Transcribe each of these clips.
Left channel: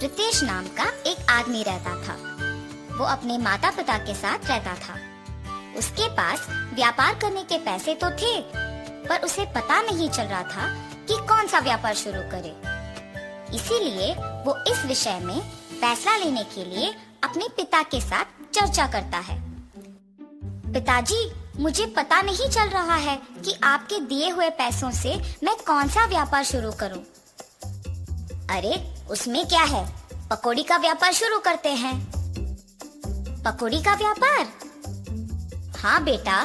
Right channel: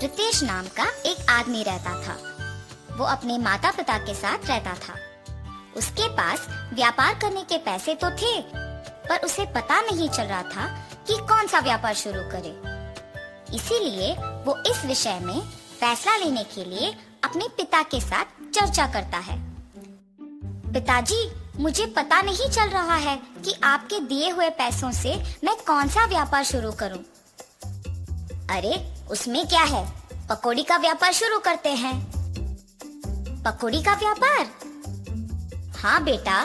रितेश नाम का एक आदमी रहता था। वो अपने माता पिता के साथ रहता था। उसके पास व्यापार करने के पैसे तो थे, पर उसे पता नहीं चल रहा था कि कौन सा व्यापार शुरू करे। इसीलिए वो इस विषय में फैसला लेने के लिए अपने पिता के साथ चर्चा करता है। पिताजी, मुझे पता नहीं चल रहा है कि आपके दिए हुए पैसों से मैं कौन सा व्यापार शुरू करूं। अरे, उसमें क्या है, पकौड़ी का व्यापार शुरू करते हैं। पकौड़ी का व्यापार? हाँ बेटा,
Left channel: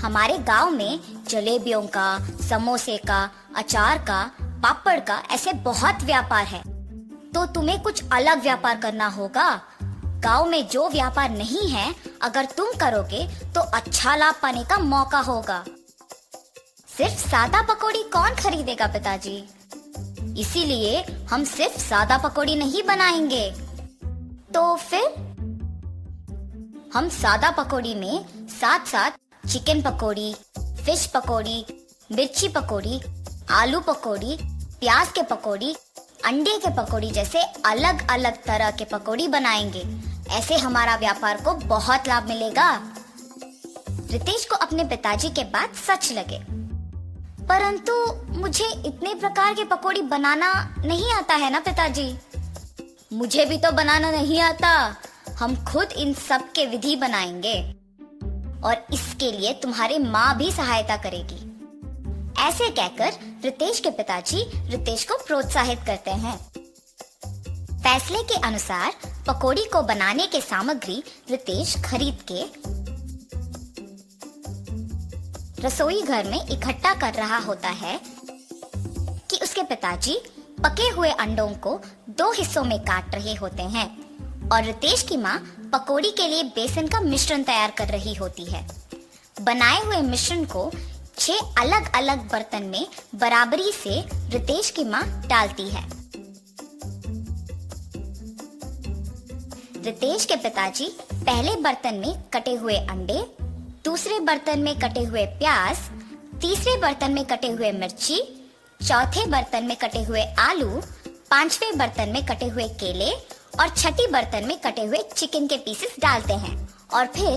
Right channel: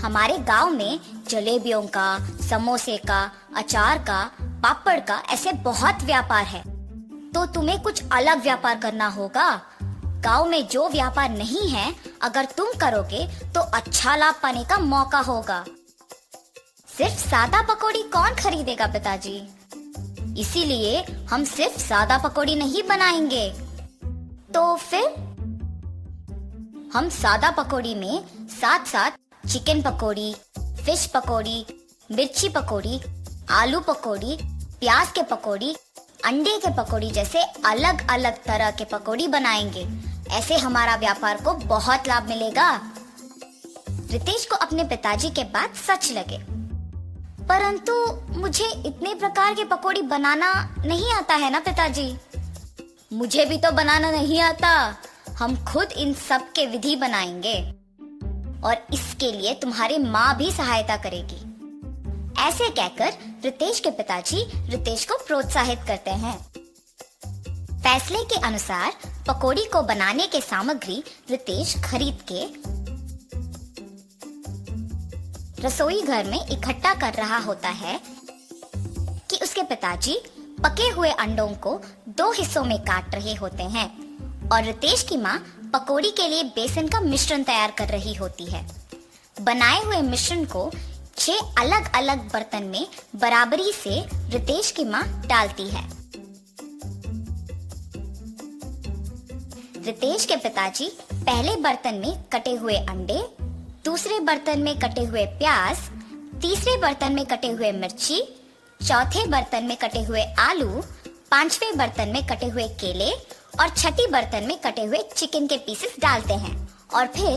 हमारे गांव में जलेबियों का, समोसे का, अचार का, पापड़ का ऐसे बहुत व्यापार है। तो तुम्हें कुछ अलग व्यापार करना होगा। गांव में जो व्यापार नहीं है, अगर तुम करोगे तो अच्छा लाभ पाने का मौका होगा। सिर्फ सादा पकौड़ी कौन खरीदेगा पिताजी? इसीलिए हम सिर्फ सादा पकौड़ी नहीं बनाएंगे। तो फिर हम सादा पकौड़ी में साथ साथ चिकन पकौड़ी, फिश पकौड़ी, मिर्ची पकौड़ी, आलू पकौड़ी, प्याज के पकौड़ी, अंडे के पकौड़ी जैसे अलग अलग तरह के पकौड़ी बनाएंगे। ऐसे हमारा व्यापार को बहुत लाभ मिलेगा। रितेश को अपने पिताजी के बात सच लगे, परंतु मुझे इतने प्रकार की पकौड़ी बनाना नहीं आता है ना पिताजी। मुझे भी तो बनाना नहीं आता। हम खुद इन सब के विधि बनाएंगे और इसके लिए तुम्हारी माँ भी सहायता करेगी। ऐसे कहकर रितेश के पिताजी रितेश को प्रोत्साहित करते हैं। फैसले के अनुसार पकौड़ी को बनाने के सामग्री रितेश खरीद के रसोई घर में इकट्ठा कर रहा होता है कि उसके पिताजी पके हुए अंडों को 2 हिस्सों में काट रहे होते हैं और रितेश की माँ पकौड़ी के लिए बेसन का मिश्रण तैयार कर रही होती है। बनाए हुए मिश्रण को 6 अलग अलग बर्तन में बराबरी से रितेश की माँ डालती है। रितेश के पिताजी पहले बर्तन में कटे हुए अंडे, दूसरे बर्तन में कटे हुए प्याज, तीसरे बर्तन में कटे हुए मिर्ची, चौथे बर्तन में कटे हुए आलू, 5वें बर्तन में कटे हुए केले और छठी बर्तन में कटे हुए चिकन के पीसेस डालते हैं और फिर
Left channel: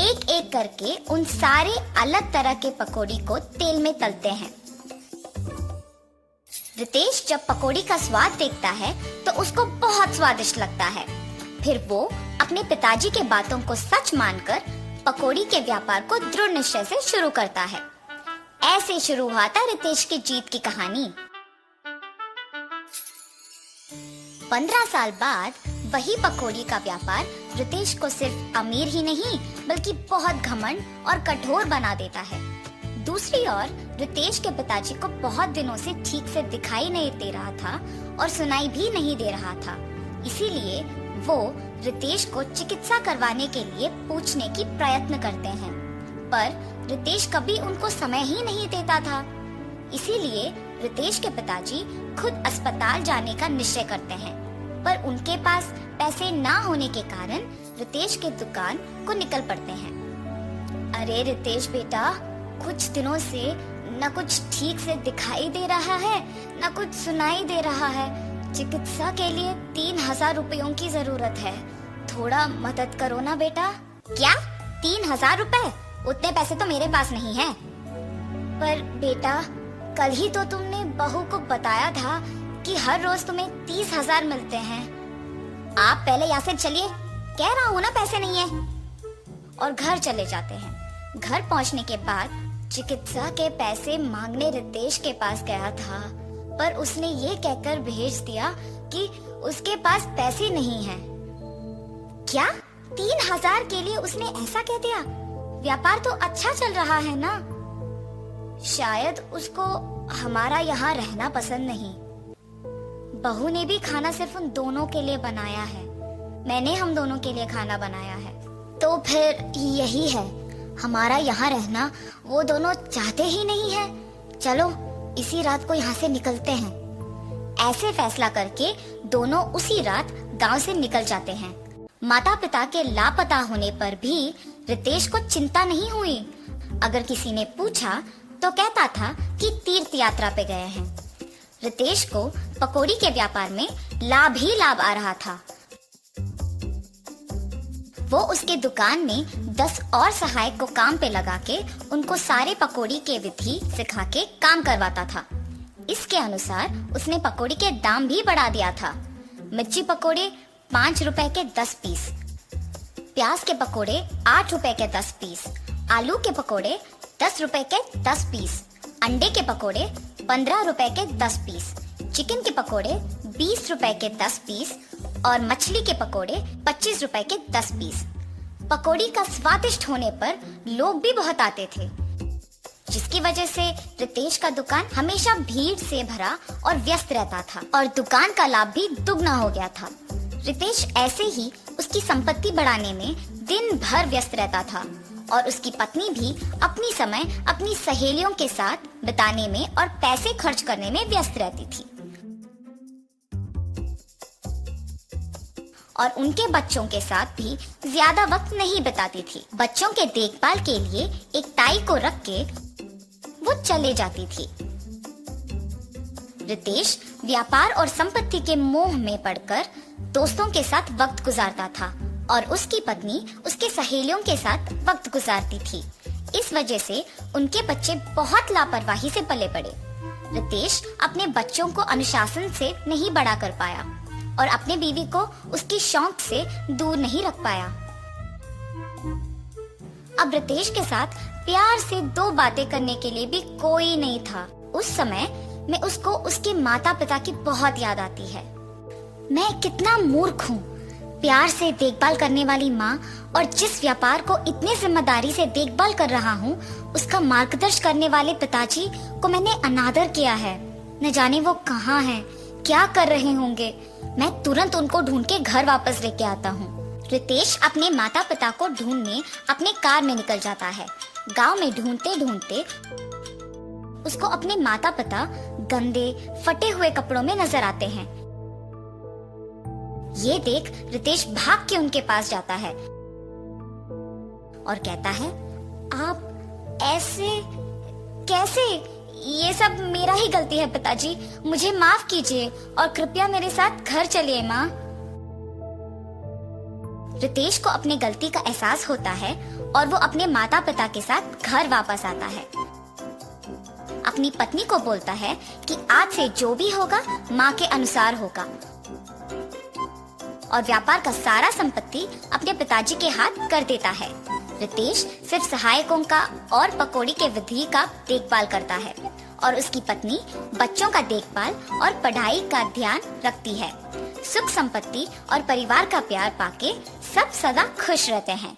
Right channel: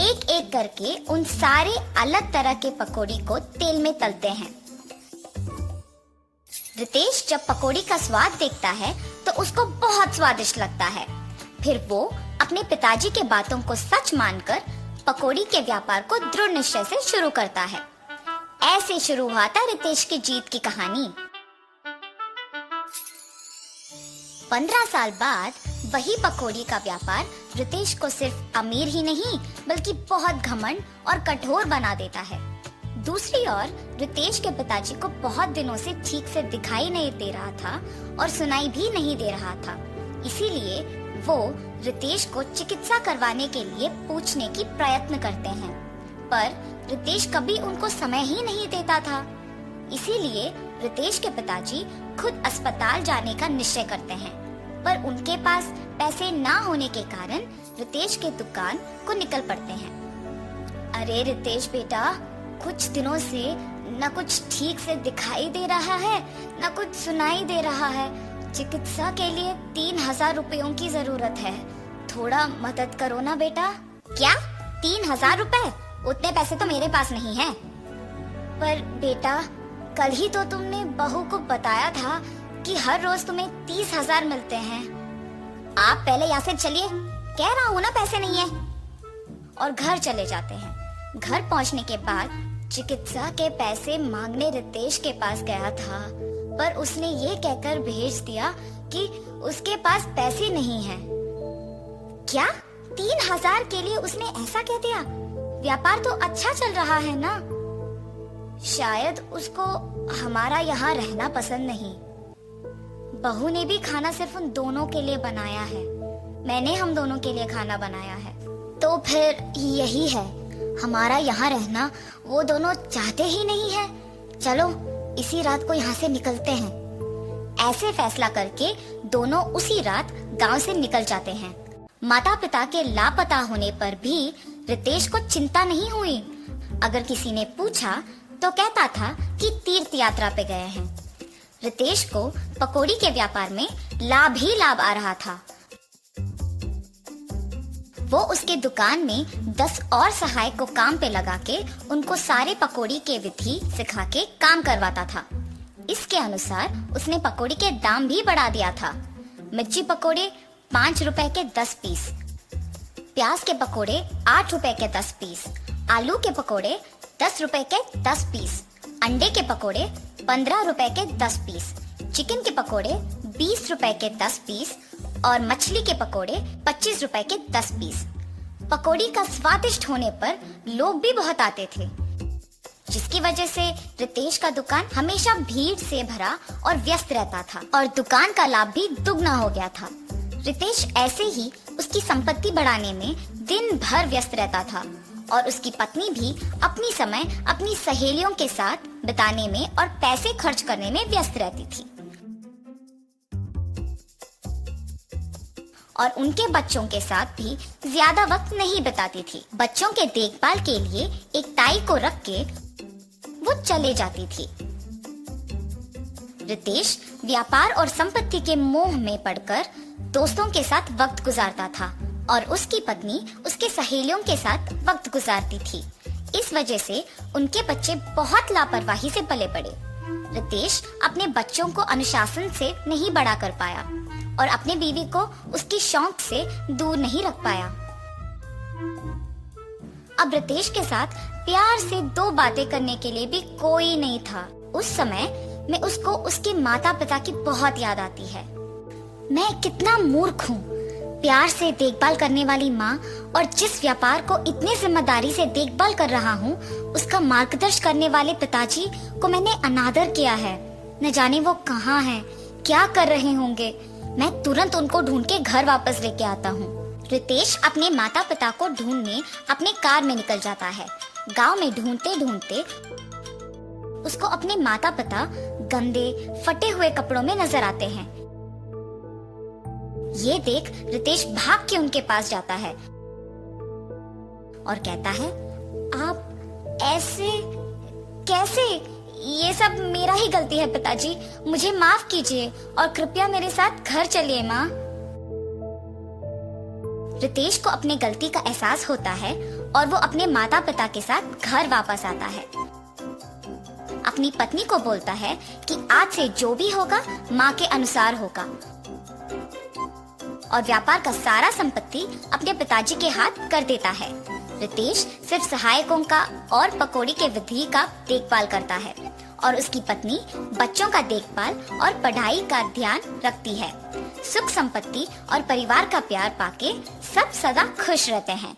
एक एक करके उन सारे अलग तरह के पकौड़ी को तेल में तलते हैं। रितेश जब पकौड़ी का स्वाद देखता है तो उसको बहुत स्वादिष्ट लगता है। फिर वो अपने पिताजी के बातों को सच मानकर पकौड़ी के व्यापार को दृढ़ निश्चय से शुरू करता है। ऐसे शुरू हुआ था रितेश की जीत की कहानी। 15 साल बाद वही पकौड़ी का व्यापार रितेश को सिर्फ अमीर ही नहीं बल्कि बहुत घमंड और कठोर बना देता है। दूसरी ओर रितेश के पिताजी को बहुत दिनों से ठीक से दिखाई नहीं दे रहा था और सुनाई भी नहीं दे रहा था। इसीलिए वो रितेश को चिकित्सा करवाने के लिए पूछने की प्रयत्न करते हैं, पर रितेश कभी उनको समय ही नहीं देता था। इसीलिए रितेश के पिताजी खुद अस्पताल जाने का निश्चय करते हैं, पर उनके पास पैसे ना होने के कारण रितेश की दुकान को निकल पड़ते हैं। अरे रितेश बेटा, कुछ दिनों से न कुछ ठीक से दिखाई दे रहा है, न कुछ सुनाई दे रहा है। चिकित्सा के लिए 3000 रुपयों की जरूरत है। थोड़ा मदद करो ना बेटा। क्या 3000 रुपए? उतने पैसे तो मेरे पास नहीं है। पर बेटा, कल ही तो तुमने बहू को बताया था कि हर रोज तुम्हें 30,000 मिलते हैं। आप पहले यहाँ से चलिए, कह रहा हूँ ना पैसे नहीं है। और घर चले जाते हैं। घर पहुँचने के बाद चिकित्सा के पैसे मांगने रितेश के पास गया था, पर उसने ये कहकर भेज दिया कि उसके पास पैसे नहीं है। क्या 3000 के लिए उसने ऐसा कह दिया? व्यापार तो अच्छा चल रहा है ना। शायद उसको हमारा यहाँ रहना पसंद नहीं। बहू ने भी खाना सिर्फ उन दोनों के लिए बनाया है। मैंने हम दोनों के लिए खाना बनाया है। तो फिर यही है, हमारा यहाँ रहना वो दोनों चाहते ही नहीं है। चलो इसी रात को यहाँ से निकलते हैं। ऐसे फैसला करके दोनों उसी रात गांव से निकल जाते हैं। माता पिता के लापता होने पर भी रितेश को चिंता नहीं हुई। अगर किसी ने पूछा तो कहता था कि तीर्थ यात्रा पे गए हैं। रितेश को पकौड़ी के व्यापार में लाभ ही लाभ आ रहा था। वो उसके दुकान में 10 और सहायक को काम पे लगा के उनको सारे पकौड़ी के विधि सिखा के काम करवाता था। इसके अनुसार उसने पकौड़ी के दाम भी बढ़ा दिया था। मिर्ची पकौड़े 5 रुपए के 10 पीस, प्याज के पकौड़े 8 रुपए के 10 पीस, आलू के पकौड़े 10 रुपए के 10 पीस, अंडे के पकौड़े 15 रुपए के 10 पीस, चिकन के पकौड़े 20 रुपए के 10 पीस और मछली के पकौड़े 25 रुपए के 10 पीस। पकौड़ी का स्वादिष्ट होने पर लोग भी बहुत आते थे, जिसकी वजह से रितेश का दुकान हमेशा भीड़ से भरा और व्यस्त रहता था और दुकान का लाभ भी दुगना हो गया था। रितेश ऐसे ही उसकी संपत्ति बढ़ाने में दिन भर व्यस्त रहता था और उसकी पत्नी भी अपनी समय अपनी सहेलियों के साथ बिताने में और पैसे खर्च करने में व्यस्त रहती थी और उनके बच्चों के साथ भी ज्यादा वक्त नहीं बिताती थी। बच्चों के देखभाल के लिए एक ताई को रख के वो चली जाती थी। रितेश व्यापार और संपत्ति के मोह में पड़कर दोस्तों के साथ वक्त गुजारता था और उसकी पत्नी उसके सहेलियों के साथ वक्त गुजारती थी। इस वजह से उनके बच्चे बहुत लापरवाही से पले बड़े। रितेश अपने बच्चों को अनुशासन से नहीं बड़ा कर पाया और अपने बीवी को उसके शौक से दूर नहीं रख पाया। अब रितेश के साथ प्यार से 2 बातें करने के लिए भी कोई नहीं था। उस समय में उसको उसके माता पिता की बहुत याद आती है। मैं कितना मूर्ख हूँ, प्यार से देखभाल करने वाली माँ और जिस व्यापार को इतने जिम्मेदारी से देखभाल कर रहा हूँ, उसका मार्गदर्शन करने वाले पिताजी को मैंने अनादर किया है। न जाने वो कहाँ हैं, क्या कर रहे होंगे। मैं तुरंत उनको ढूंढ के घर वापस लेके आता हूँ। रितेश अपने माता पिता को ढूंढने अपने कार में निकल जाता है। गांव में ढूंढते ढूंढते उसको अपने माता पिता गंदे फटे हुए कपड़ों में नजर आते हैं। ये देख रितेश भाग के उनके पास जाता है और कहता है, आप ऐसे कैसे? ये सब मेरा ही गलती है पिताजी, मुझे माफ कीजिए और कृपया मेरे साथ घर चलिए माँ। रितेश को अपने गलती का एहसास होता है और वो अपने माता पिता के साथ घर वापस आता है। अपनी पत्नी को बोलता है कि आज से जो भी होगा माँ के अनुसार होगा और व्यापार का सारा संपत्ति अपने पिताजी के हाथ कर देता है। रितेश सिर्फ सहायकों का और पकौड़ी के विधि का देखभाल करता है और उसकी पत्नी बच्चों का देखभाल और पढ़ाई का ध्यान रखती है। सुख संपत्ति और परिवार का प्यार पाके सब सदा खुश रहते हैं।